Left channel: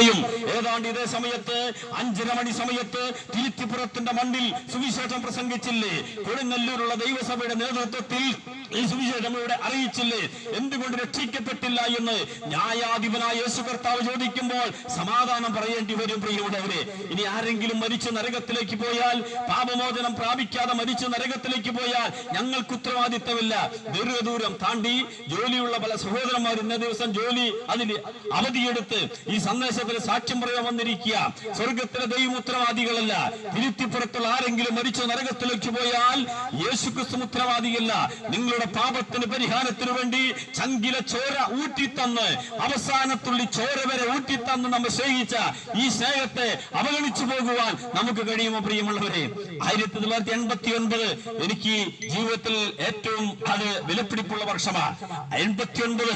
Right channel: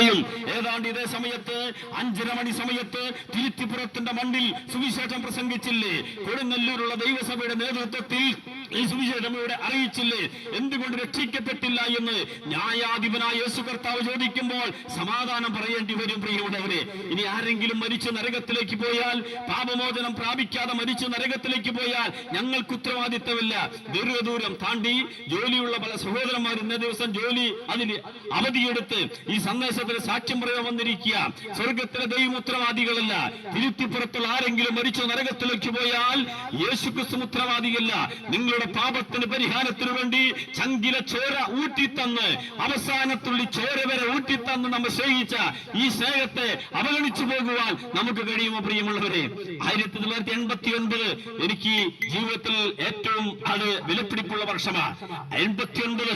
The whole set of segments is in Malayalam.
പറയും. ഏതാണ്ട് ഇതേ സമയത്ത് 5:30 മണി സമയത്ത് തിരുത്തിപ്പുറത്തിന്റെ മണ്ണിൽ സുവിശേഷം പ്രസംഗിച്ചില്ലേ? കൊടുങ്ങല്ലൂരുള്ള ദൈവസഭയുടെ നേതൃത്വത്തിൽ ഈ സുവിശേഷം ഇവിടെ അറിയിച്ചില്ലേ? എന്തുകൊണ്ട് രക്ഷിക്കപ്പെട്ടില്ല എന്ന് ന്യായാധിപനായ യേശു കർത്താവ് ചോദിക്കുമ്പോൾ സമാധാനം പറയേണ്ടി വരും. പ്രിയമുള്ളവരെ, ഇനി ആരെങ്കിലും മരിച്ച് നരകത്തിലേക്ക് പോയാൽ, പാപമോചനം പ്രാപിക്കാതെ മരിച്ച് നരകത്തിലേക്ക് പോയാൽ ഞങ്ങൾക്ക് ഉത്തരവാദിത്തമില്ല. ദീർഘദൂരം താണ്ടി ജോലിയുള്ള പല സഹോദരന്മാർ ഇന്ന ദിവസം ജോലി അതിന് അവധിയെടുത്ത് ഈ സന്ദേശത്തിന് സാക്ഷ്യം പറയാൻ വന്നിരിക്കുക. സ്വർഗത്തിലെ ദൈവം ഉത്തരവാദികളല്ല. തിരുത്തിപ്പുറത്തുള്ള ആരെങ്കിലും മരിച്ചു നരകത്തിലേക്ക് പോയാൽ യേശുക്രിസ്തു ഉത്തരവാദിയല്ല. നിങ്ങളുടെ പാപത്തിന് പരിഹാരത്തിനു വേണ്ടി ചങ്കില ചോര ഊറ്റിത്തന്ന്, അവസാനത്തുള്ളി ചോര വരെ ഊറ്റിത്തന്ന് നമ്മൾ സ്നേഹിച്ച ഈ സ്നേഹത്തെ അവഗണിച്ചു പോകുവാൻ നമുക്ക് കഴിയുമോ? പ്രിയമുള്ളവരെ, 1989 എനിക്ക് ജീവിതത്തിൽ ഏറ്റവും അത് വിലപിടിപ്പുള്ള വർഷമാണ്. 89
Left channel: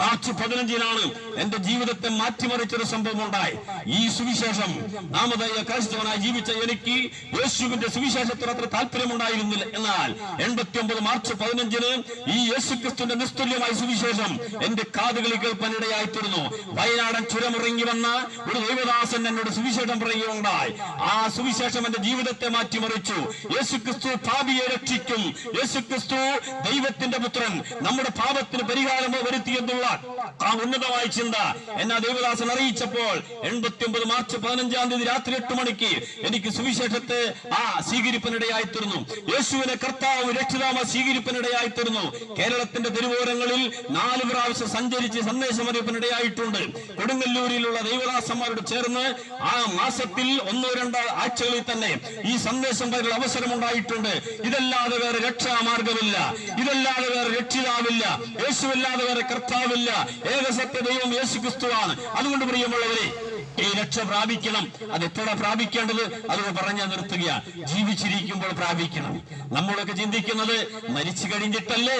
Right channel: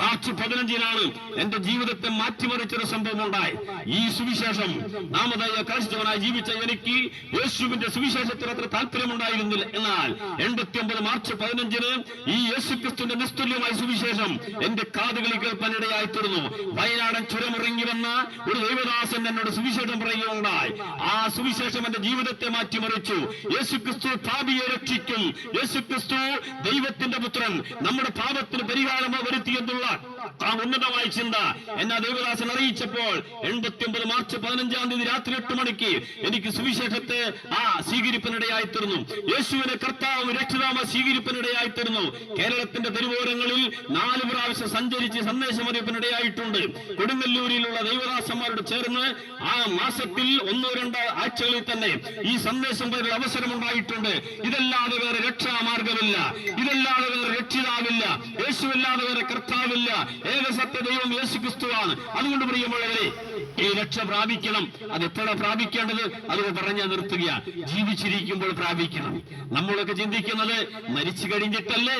മാർച്ച് 15-നാണ് എന്റെ ജീവിതത്തെ മാറ്റിമറിച്ചൊരു സംഭവം ഉണ്ടായി. ഈ സുവിശേഷം നാമധേയ ക്രൈസ്തവനായി ജീവിച്ച എനിക്ക് യേശുവിന്റെ സുവിശേഷത്തിന് അത്ര താല്പര്യമുണ്ടായിരുന്നില്ല. എന്നാൽ 89 മാർച്ച് 15-ന് ഈ യേശുക്രിസ്തുവിന്റെ നിസ്തുല്യമായ സുവിശേഷം എന്റെ കാതുകളിൽ കേൾപ്പാനിടയായി തീർന്നു. വയനാടൻ ചുരമിറങ്ങി വന്ന ഒരു ദൈവദാസൻ എന്നോട് സുവിശേഷം പറയുകയുണ്ടായി. ആ സുവിശേഷം എന്റെ ജീവിതത്തെ മാറ്റിമറിച്ചു. യേശുക്രിസ്തു പാപിയെ രക്ഷിക്കും, യേശുക്രിസ്തു ദൈവത്തിന്റെ പുത്രൻ, നമ്മുടെ പാപത്തിന് പരിഹാരം വരുത്തിയെന്നുള്ള ആ ഉന്നതമായ ചിന്ത എന്നെ ദൈവദാസൻ അറിയിച്ചപ്പോൾ 89 മാർച്ച് 15-ാം തീയതി രാത്രി 8 മണിക്ക് എനിക്ക് സുവിശേഷത്തെ സ്വീകരിപ്പനിടയായി തീർന്നു. യേശുവിനെ കർത്താവ് രക്ഷിതാവ് സ്വീകരിപ്പനിടയായി തീർന്നു. കേരളത്തിന്റെ തെരുവോരങ്ങളിൽ 4 പ്രാവശ്യം സഞ്ചരിച്ച് സന്ദേശം അറിയിപ്പനിടയായിട്ടുണ്ട്. കൊടുങ്ങല്ലൂരിലുള്ള ദൈവദാസന്മാരോട് ചേർന്ന് ആ മാസത്തിൽ 1-2 ആഴ്ചകളിൽ തന്നെ ഈ സന്ദേശം പറയുന്ന അവസരമുണ്ടായിട്ടുണ്ട്. ഇതല്ലാതെ വേറെ രക്ഷാമാർഗമില്ല, ഇതല്ലാതെ വേറെ രക്ഷിതാവില്ല, യേശുവല്ലാതെ വേറെ കർത്താവില്ല. ഏകസത്യ ദൈവം യേശുക്രിസ്തുവാണ്. അതുകൊണ്ട് പ്രിയമുള്ളവരെ, ഈ രക്ഷ പ്രാപിക്കണം. അത് എത്ര പ്രാപിക്കേണ്ടത് അത് പറഞ്ഞാൽ നിർത്തുക. ജീവിച്ചിരിക്കുമ്പോൾ പ്രാപിക്കണം. നമ്മളൊക്കെ ചിന്തിക്കുന്നത് മരിച്ചു കഴിഞ്ഞിട്ടല്ലേ?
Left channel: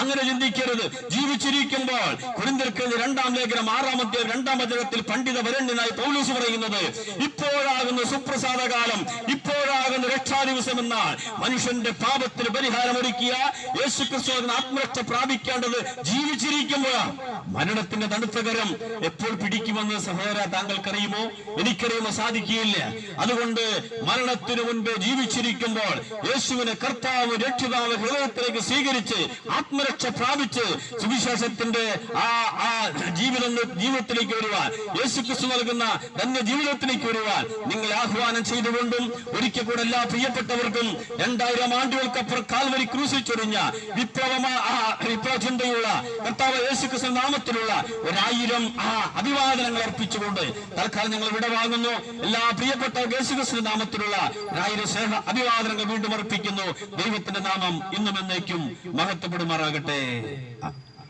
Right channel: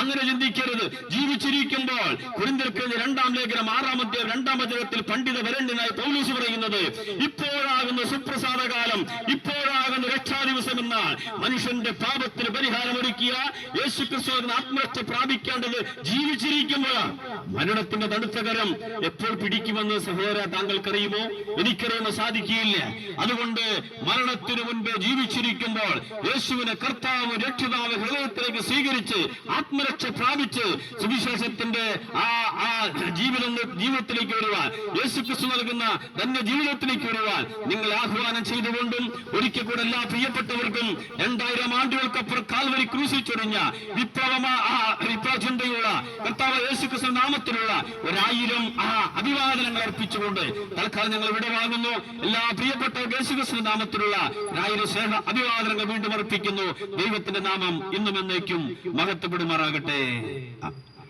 അങ്ങനെ ചിന്തിക്കരുത്. ജീവിച്ചിരിക്കുമ്പോൾ കൊരിന്ത്യർക്ക് 2-ാം ലേഖനം 6-ാമത്തെ 2-ാം വചനത്തിൽ പണ്ഡിത വരണ്യനായി പൗലോസ് പറയുന്നത്, ഇപ്പോഴാകുന്ന സുപ്രസാദ കാലം, ഇപ്പോഴാകുന്ന രക്ഷാദിവസം എന്നാൽ മനുഷ്യന്റെ പാപത്തിന് പരിഹാരമൊരുക്കിയ യേശുക്രിസ്തു ആത്മരക്ഷ പ്രാപിക്കേണ്ടത് ജീവിച്ചിരിക്കുമ്പോഴാണ്. മരണത്തിന്റെ തണുത്തകരം എപ്പോൾ പിടിക്കുമെന്ന് സഹോദര താങ്കൾക്കറിയുമോ? എനിക്കറിയുമോ? സാധിക്കുകയില്ല. അതുകൊണ്ട് മരണത്തിന് മുൻപേ ജീവിച്ചിരിക്കുമ്പോൾ യേശുവിനെ കർത്താവ് രക്ഷിതാവ് ഹൃദയത്തിലേക്ക് സ്വീകരിച്ച് ആത്മരക്ഷ പ്രാപിച്ച് സുവിശേഷത്തിന്റെ ജീവിതത്തിലേക്ക് വരുവാൻ, യേശുക്രിസ്തു നൽകുന്ന തന്നെ ജീവിതത്തിലേക്ക് വരുവാൻ നിങ്ങൾ ആഹ്വാനം ചെയ്തുകൊണ്ടും ഒരിക്കൽ കൂടെ എല്ലാ പ്രിയപ്പെട്ടവർക്കും 2000 ആണ്ടുകൾക്കപ്പുറം കാൽവരി ക്രൂശിൽ ചൊരിഞ്ഞ വിപ്ലവചിന്തയുള്ള കർത്താവ് യേശുക്രിസ്തു നാമത്തിലുള്ള 1000 അഭിവാദനങ്ങൾ അർപ്പിച്ചുകൊണ്ട് തൽക്കാലം ഞങ്ങൾ വിടവാങ്ങുന്നു. എല്ലാ പ്രിയപ്പെട്ട യേശുക്രിസ്തു നാമത്തിലുള്ള 1000 സ്നേഹ അഭിവാദനങ്ങൾ വീണ്ടും അർപ്പിക്കുന്നു. ദൈവത്തിന്റെ നാമം ഇന്നും എന്നേക്കും മഹത്വപ്പെടുമാറാകട്ടെ.